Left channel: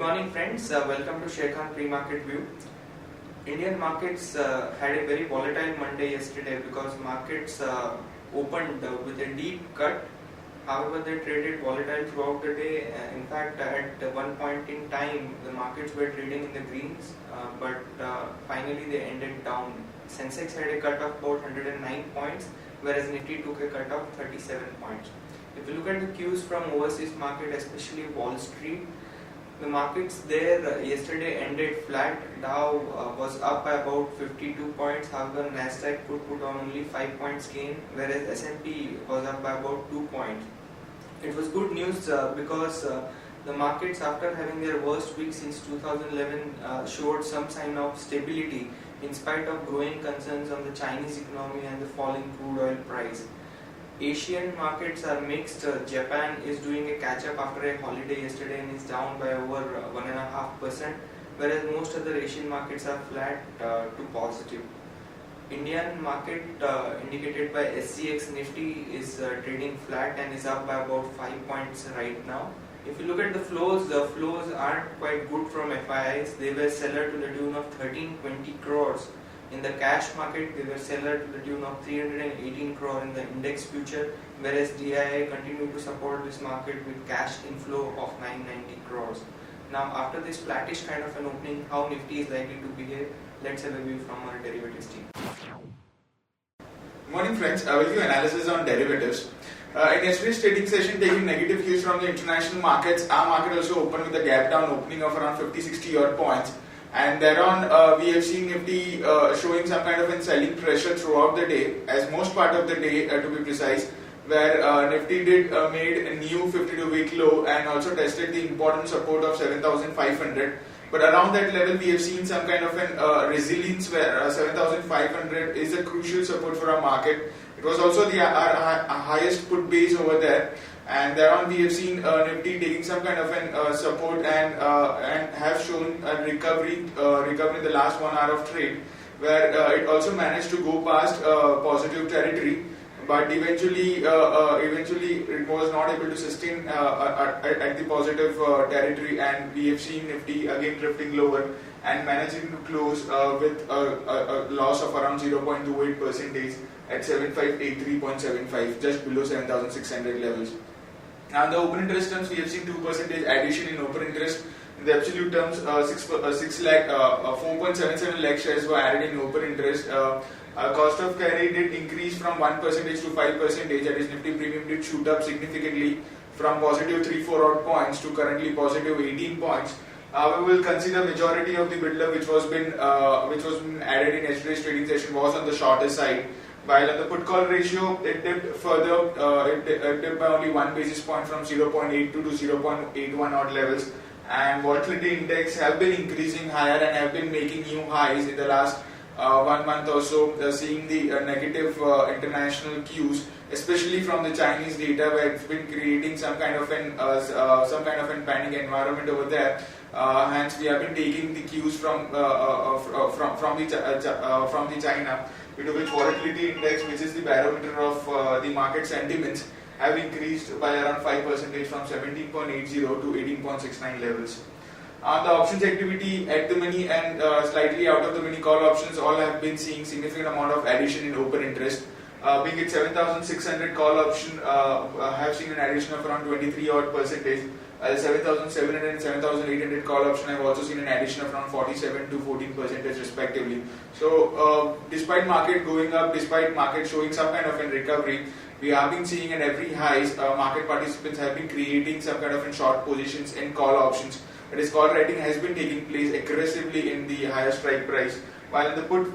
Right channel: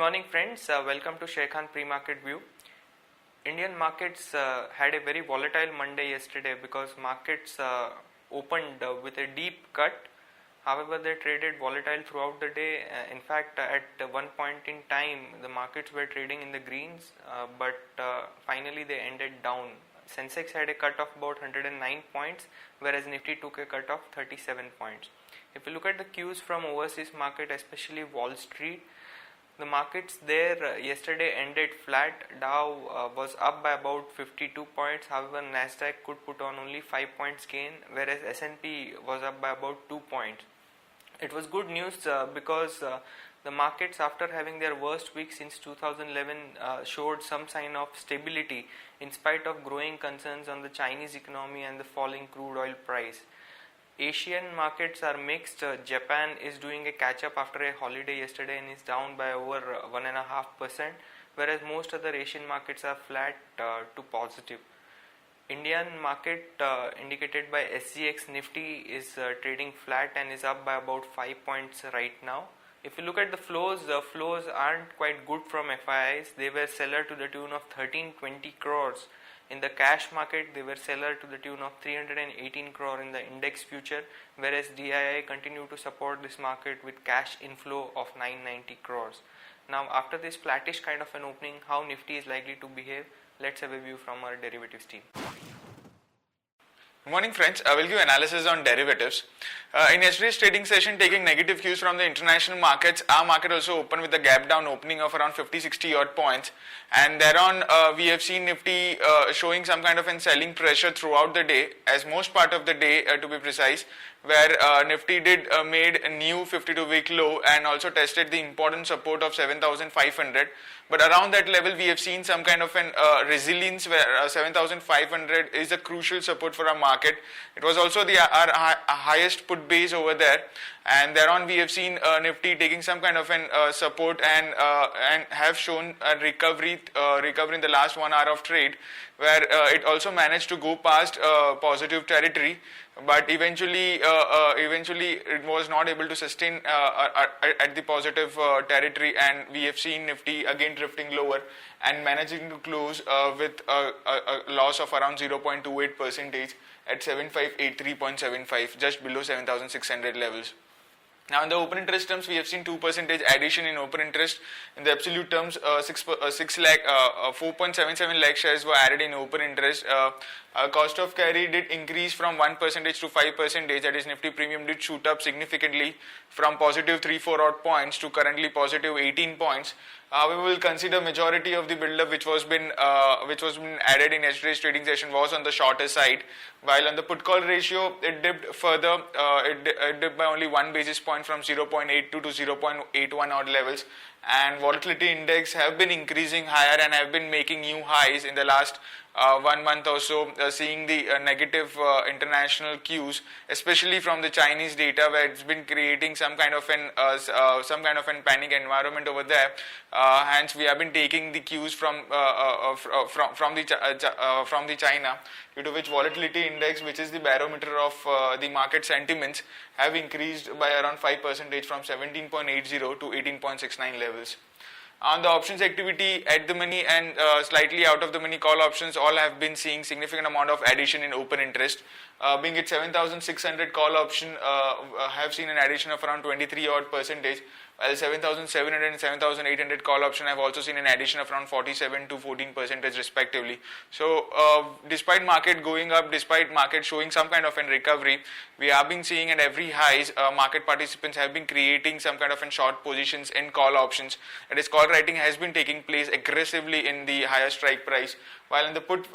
morning friends, welcome to Sharekhan pre-market view. Indian markets had a very volatile Monday yesterday because markets opened with a deep cut. However, they traded volatile throughout the day. In fact, at one point in time, the markets were trading in the greens, but finally they ended down. Sensex had a cut of about 109 points, whereas Nifty took a cut of 37 points. If you look at the cues from overseas market, especially Wall Street, the markets there yesterday ended flat. Dow was up by about 52 points. However, Nasdaq could put on only 5 points gain, whereas S&P was up by about 2 points. It was good news because the markets, after having their worst week since 2011, showed some sign of stability in spite of growing concerns on the Chinese economy and the falling crude oil price. Asian markets are mixed. Japan is doing a catch up after a holiday yesterday and is down by over 1.5%, whereas most other Asian markets are flat to positive. Indian market indicated by SGX Nifty is trading flat and is up by about 5 points right now. If you look at the flows aren't quite good from FIIs. They were seller to the tune of 1320 crores. In the cash market, they were seller to the tune of 318 crore in the index future, whereas DII continued to support this market with cash inflow of 990 crores. Now, after this flattish kind of an opening, how Nifty is likely to behave? Let's have a view from our derivatives team. Good morning friends, I will give analysis on derivatives. In yesterday's trading session, taking negative cues from the international markets, our market also opened with a gap down opening of around 50-60 odd points. And thereon, we have seen Nifty showing some kind of a selling pressure throughout the day, as most part of the day to be precise, where Nifty did made a new 52-week low and also tested the important support of 7,500. But around that level, we have seen some kind of an resilience where 7,500 is a crucial support for our market. It was also our highest put base over there, and thereon we have seen Nifty taking some kind of an support and have shown a recovery in the last 1 hour of trade, where it also managed to go past positive territory. But eventually it was not able to sustain at the positive territory, and we have seen Nifty again drifting lower and managing to close with a loss of around 0.28% at 7583.75, just below 7,600 levels. Now, the open interest terms, we have seen 2% addition in open interest. In the absolute terms, 4.77 lakh shares were added in open interest. Cost of carry did increase from 1% to 5%. That is, Nifty premium did shoot up significantly from positive 3-4 odd points to currently positive 18 points. We will consider majority of the build-up which was been added in yesterday's trading session was on the shorter side. While on the put-call ratio, it dipped further. It dipped by only 1 basis point from 0.82 to 0.81 odd levels. And volatility index have been increasing higher and have been making new highs in the last 1 month or so, seeing the negative international cues, especially from the Chinese data, where it's been creating some kind of an panic environment over there. Hence, we have been taking the cues from the China, due to which volatility index, which is the barometer of the market sentiments, have increased by around 5% from 17.80 to 18.69 levels. On the options activity, at the money and slightly out of the money call options, all have been seeing significant amount of addition in open interest. Being it 7,600 call option have seen an addition of around 23 odd percentage, while 7,700 and 7,800 call option have also seen an addition of around 47 to 14% respectively. So despite market going up, despite market showing some kind of a recovery, we have been seeing at every highs, market participants have been creating some kind of in short positions in call options. That is, call writing has been taking place aggressively in the higher strike price. While in the put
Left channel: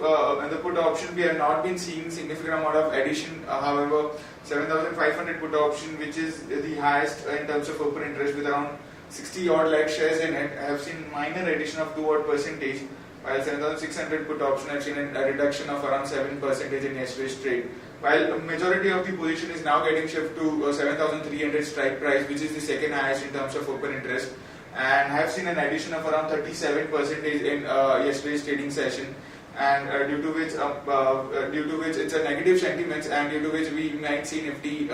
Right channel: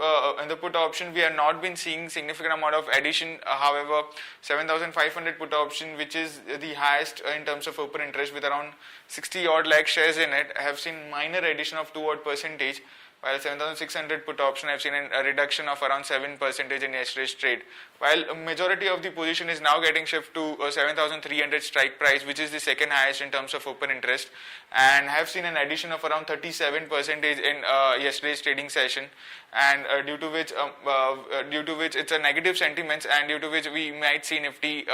option, we have not been seeing significant amount of addition. However, 7,500 put option, which is the highest in terms of open interest with around 60 odd lakh shares in it, have seen minor addition of 2 odd percentage. While 7,600 put option have seen a reduction of around 7% in yesterday's trade. While a majority of the position is now getting shift to 7,300 strike price, which is the second highest in terms of open interest, and have seen an addition of around 37% in yesterday's trading session, and due to which it's a negative sentiments, and due to which we might see Nifty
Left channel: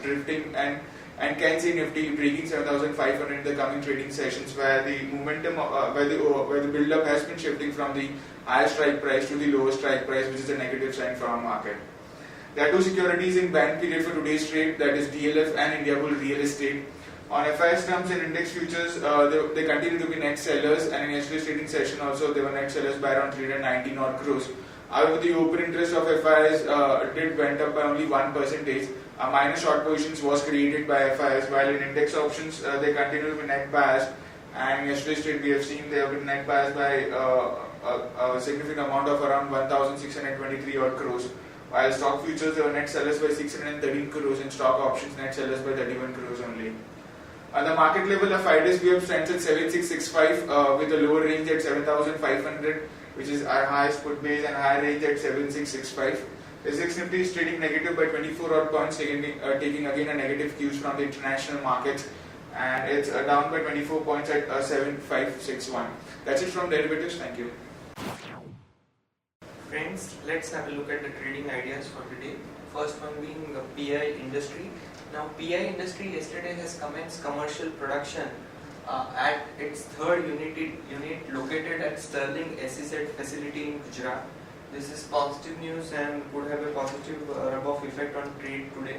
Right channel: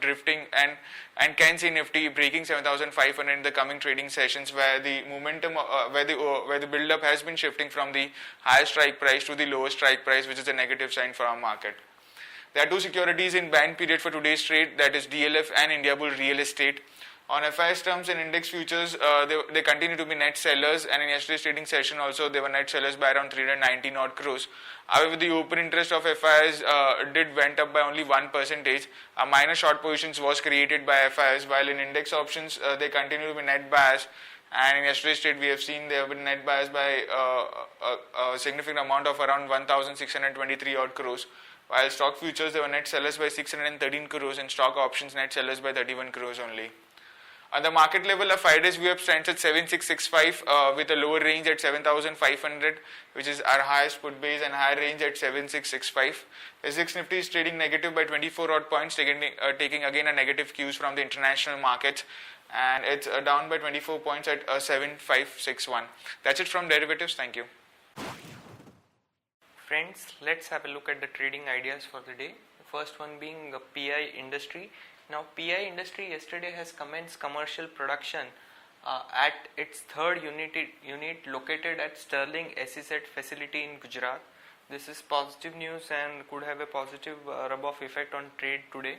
drifting and and can see Nifty breaking 7,500 in the coming trading sessions, where the momentum, where the build-up has been shifting from the higher strike price to the lower strike price, which is a negative sign for our market. There are two securities in ban period for today's trade, that is DLF and Indiabulls Real Estate. On FIS terms and index futures, they continue to be net sellers, and in yesterday's trading session also they were net sellers by around 319 odd crores. However, the open interest of FIs went up by only 1%. A minor short positions was created by FIs, while in index options they continue to be net buyers. And in yesterday's trade, we have seen they have been net buyers by a significant amount of around 1,623 odd crores. While stock futures, they were net sellers by 613 crores, and stock options net sellers by 31 crores only. At the market level, the 5-day VWAP stands at 7665 with a lower range at 7500, which is our highest put base, and higher range at 7665. The 6 Nifty is trading negative by 24 odd points, taking again a negative cues from the international markets, and it's down by 24 points at 7561. That's it from derivatives. Thank you. Friends, let's have a look at the trading ideas for the day. First one being PI industry. Now, PI industry yesterday has commenced commercial production at its third unit located at Sterling SEZ facility in Gujarat. This is positive news and could have a positive rub-off effect on trade today.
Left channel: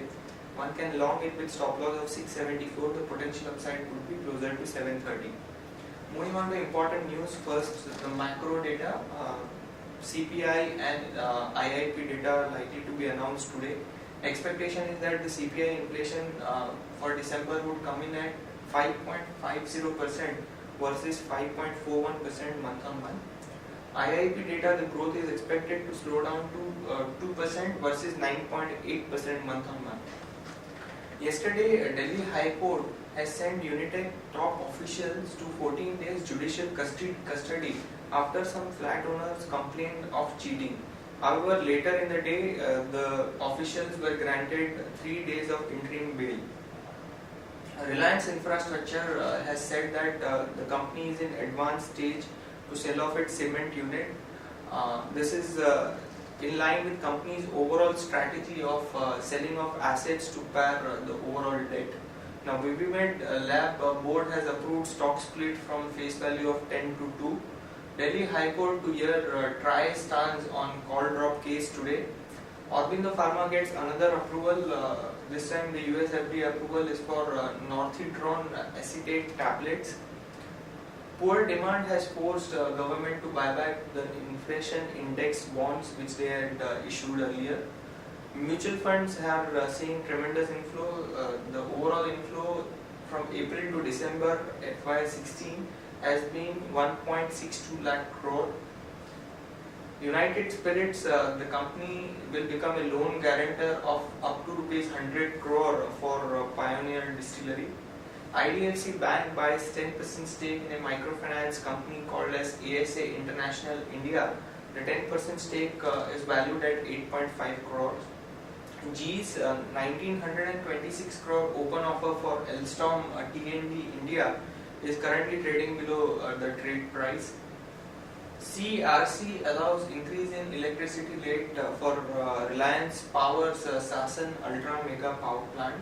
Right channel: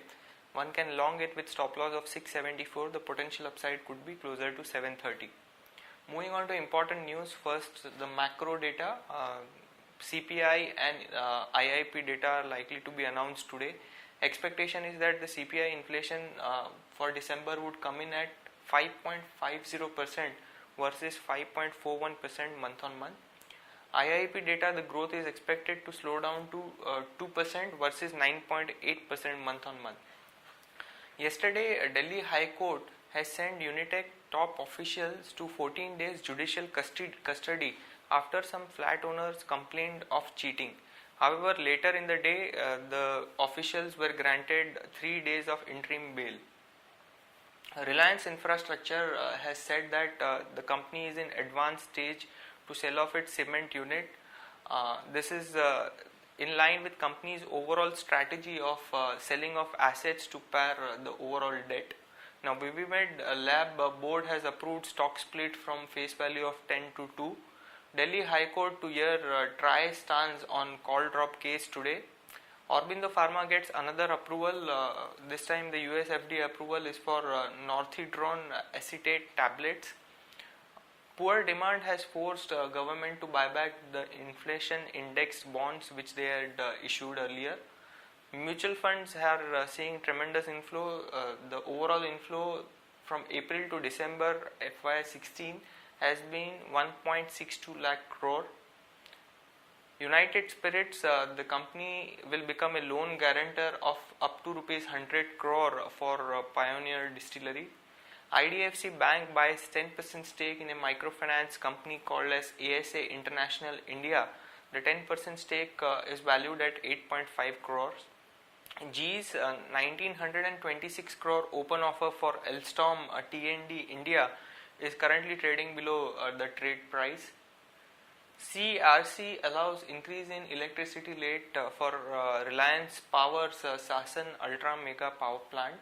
One can long it with stop loss of 674. The potential upside could be closer to 730. Moving on to important news, first the macro data. CPI and IIP data are likely to be announced today. Expectation is that the CPI inflation for December would come in at 5.50% versus 5.41% month on month. IIP data, the growth is expected to slow down to 2% versus 9.8% month on month. Yesterday, Delhi High Court has sent Unitech top officials to 14 days judicial custody after some flat owners complained of cheating. However, later in the day, the officials were granted 3 days of interim bail. Reliance Infrastructure has said that the company is in advanced stage to sell off its cement unit. This is in line with company's overall strategy of selling off assets to pay the overall debt. Now, BBMed Lab board has approved stock split from face value of 10 to 2. Delhi High Court to hear trial stands on call drop case today. Aurobindo Pharma gets another approval. This time the US FDA approval is for northitron acetate tablets. Poor demand has forced government to buy back the inflation index bonds which they had issued earlier. Mutual funds are seeing tremendous inflow. The overall inflow from April to December FY16 has been 1.62 lakh crore. United Spirits, the company will become a loan guarantor of up to rupees 100 crore for Pioneer Distillery. IDFC Bank buys 10% stake in a microfinance company called as ASA International India. The 10% stake is valued at 8.5 crores. GE's 1926 crore open offer for Alstom T&D India is currently trading below the trade price. CRC allows increase in electricity rate for Reliance Power's Sasan Ultra Mega Power Plant.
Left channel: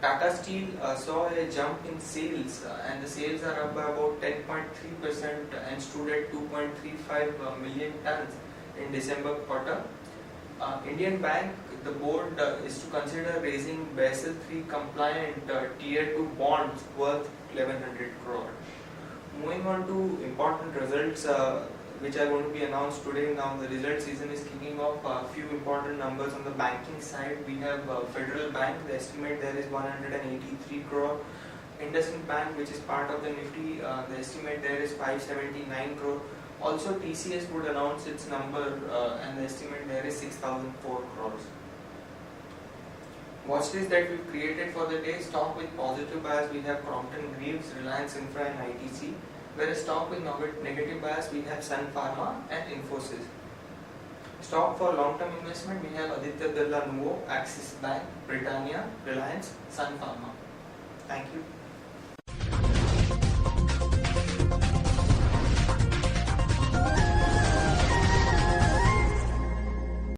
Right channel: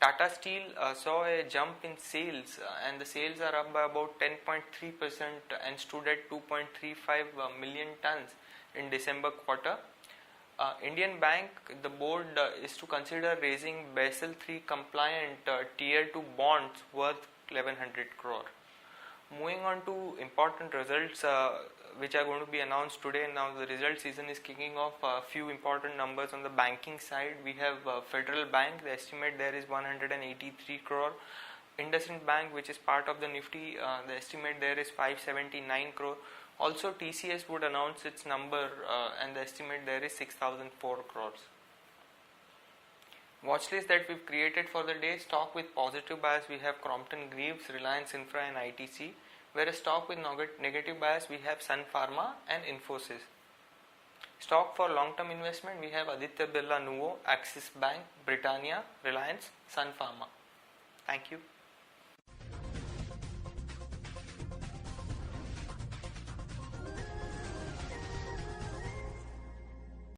Tata Steel saw a jump in sales and the sales are up by about 10.3% and stood at 2.35 million tons in December quarter. Indian Bank, the board is to consider raising Basel III compliant Tier 2 bonds worth 1100 crore. Moving on to important results which are going to be announced today. Now the result season is kicking off. A few important numbers on the banking side. We have Federal Bank, the estimate there is 183 crore. IndusInd Bank, which is part of the Nifty, the estimate there is 579 crore. Also TCS would announce its number and the estimate there is 6004 crores. Watch list that we've created for the day. Stock with positive bias we have Crompton Greaves, Reliance Infra and ITC. Whereas stock with negative bias we have Sun Pharma and Infosys. Stock for long-term investment we have Aditya Birla Nuvo, Axis Bank, Britannia, Reliance, Sun Pharma. Thank you.